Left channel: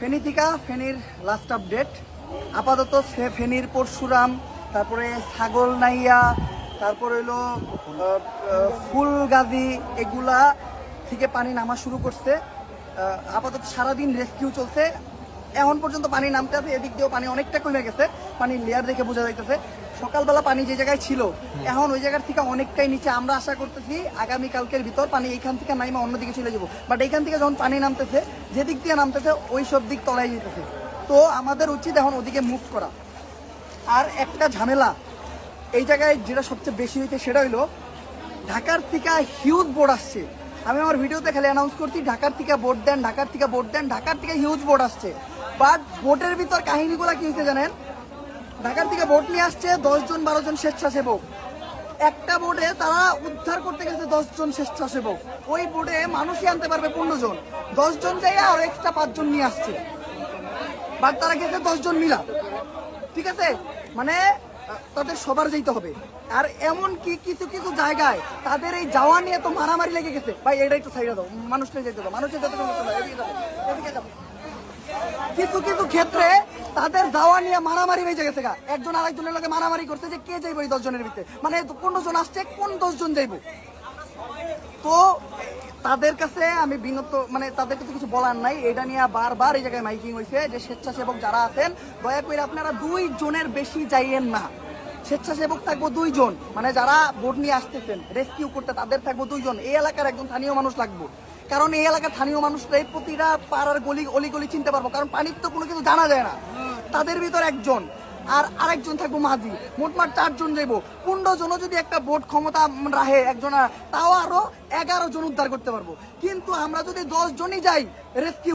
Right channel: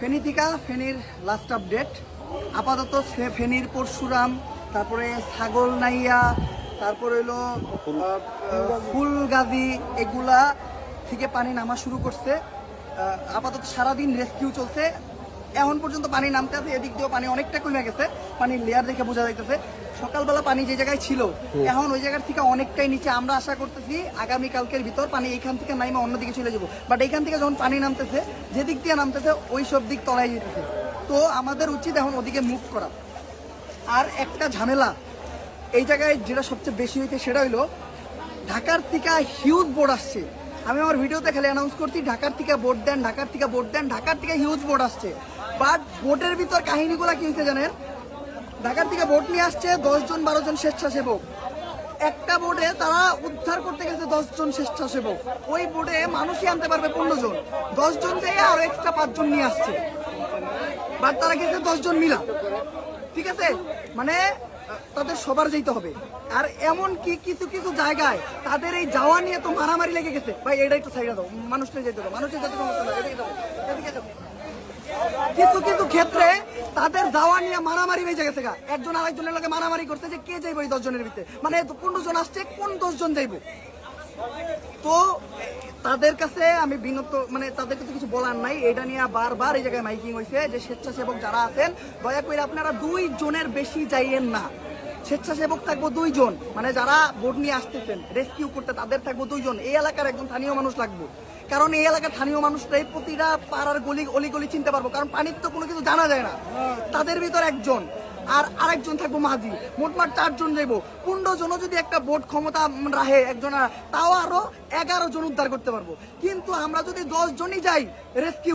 ফেনী থেকে ফেনীর last update আপাতত ফেনীর পরশুরাম, তারপরে ছাগল নাইয়া, তারপরে হলো ফুলগাজী, এগুলা থেকে পানি নামা শুরু করছে। আপাতত সারাদিন রেস্কিউ চলছে, এখন পর্যন্ত পানি নামতে আছে। এদিক দিয়েও পানি অনেকটা কমে গেছে, পানির লেয়ার দেখে বোঝা যাইতেছে। সকালবেলা পানি যে জায়গায় ছিল এখন ওই জায়গার থেকে অনেকটাই নিচে। আমরা আশা করতেছি আগামীকালকের ভিতর পানি এইখান থেকে নাইমা অন্যদিকে চলে যাবো। বাট এইখান থেকে যখন পানি নামতেছে, যেদিক দিয়ে নামতেছে ওই সব দিক তলায় যেতেছে। তো আমাদের উচিত এখন ওদিকে মুভ করা। আর একটা ঝামেলা এই জায়গায় যেটা সবচেয়ে বেশি হইতে, সেটা হইলো ঢাকার থেকে হিউজ বোর্ড আসছে। আমি আমার ভিডিওতে খালি অ্যানাউন্স করছি ঢাকার থেকে বোর্ড দেন, ঢাকার থেকে বোর্ড দেন, ঢাকার থেকে হিউজ বোর্ড আসছে। বাট বোটের ভিতর কাহিনীগুলা কি হচ্ছে জানেন? ঢাকার থেকে বোট নিয়ে আসছে 10 জন 12 জন স্বেচ্ছাসেবক। একটা বোটে তারা উদ্ধার করতে গেছে 10 জন স্বেচ্ছাসেবক। ওই বোটে মানুষই আনতে পারবে 15 জন, 10 জন যাই আর এক্সট্রা 5 জন নিয়ে আসছে। বাট তারা গেছে 10 জন মিলা, ঠিক আছে? মানে তাদের সবার যেতে হবে। আর এমন কি কিছু কিছু জায়গায় তাদের এই যাওয়া নিয়ে তো মারামারি লেগে গেছে। ভাই এটা একটু সাইডে দাও, মানুষটা যেতে দাও, মানুষের যেতে দাও। কিছু কিছু ক্ষেত্রে তাদের যাওয়া নিয়ে মারামারি হয়ে গেছে। একজন আরেকজনের লগে মারামারি করছে যে কে যাইব এই 10 জনের ভিতরে। মানে 15 জন আসছে, কোন 10 জন যাইব? তো তাদের কাছে আমি বিনত, মানে তাদের কাছে কিছু বলার নাই। এটা নিয়ে বারবার এই জায়গায় মাইকিং হয়েছে যে স্বেচ্ছাসেবক যারা আছেন দয়া করে আপনারা 2 জনের বেশি যাইয়েন না। স্বেচ্ছাসেবক থাকবো 2 জন, মানে যারা বোট নিয়ে আসতেছেন রেস্কিউ করতে তাদের থাকবো 2 জন। এই এলাকার একজন স্থানীয় মানুষ লাগবো, কারণ এই এলাকার স্থানীয় মানুষটাই প্রতিটা পাড়ার অলি চিনতে পারবো, কারণ পানির তো কোনো কিছু জানা যায় না। তাদের ভিতর একজন আর আরেকজন থাকবো মাঝি, মোটমাট 4 জন যাইবো। 15 জনও যদি একটা বোট ক্ষমতা রাখে একজন, তাও আরো 11 জন উদ্ধার করতে পারবো। কিন্তু আমরা যদি 10 জনই যাই রেস্কিউ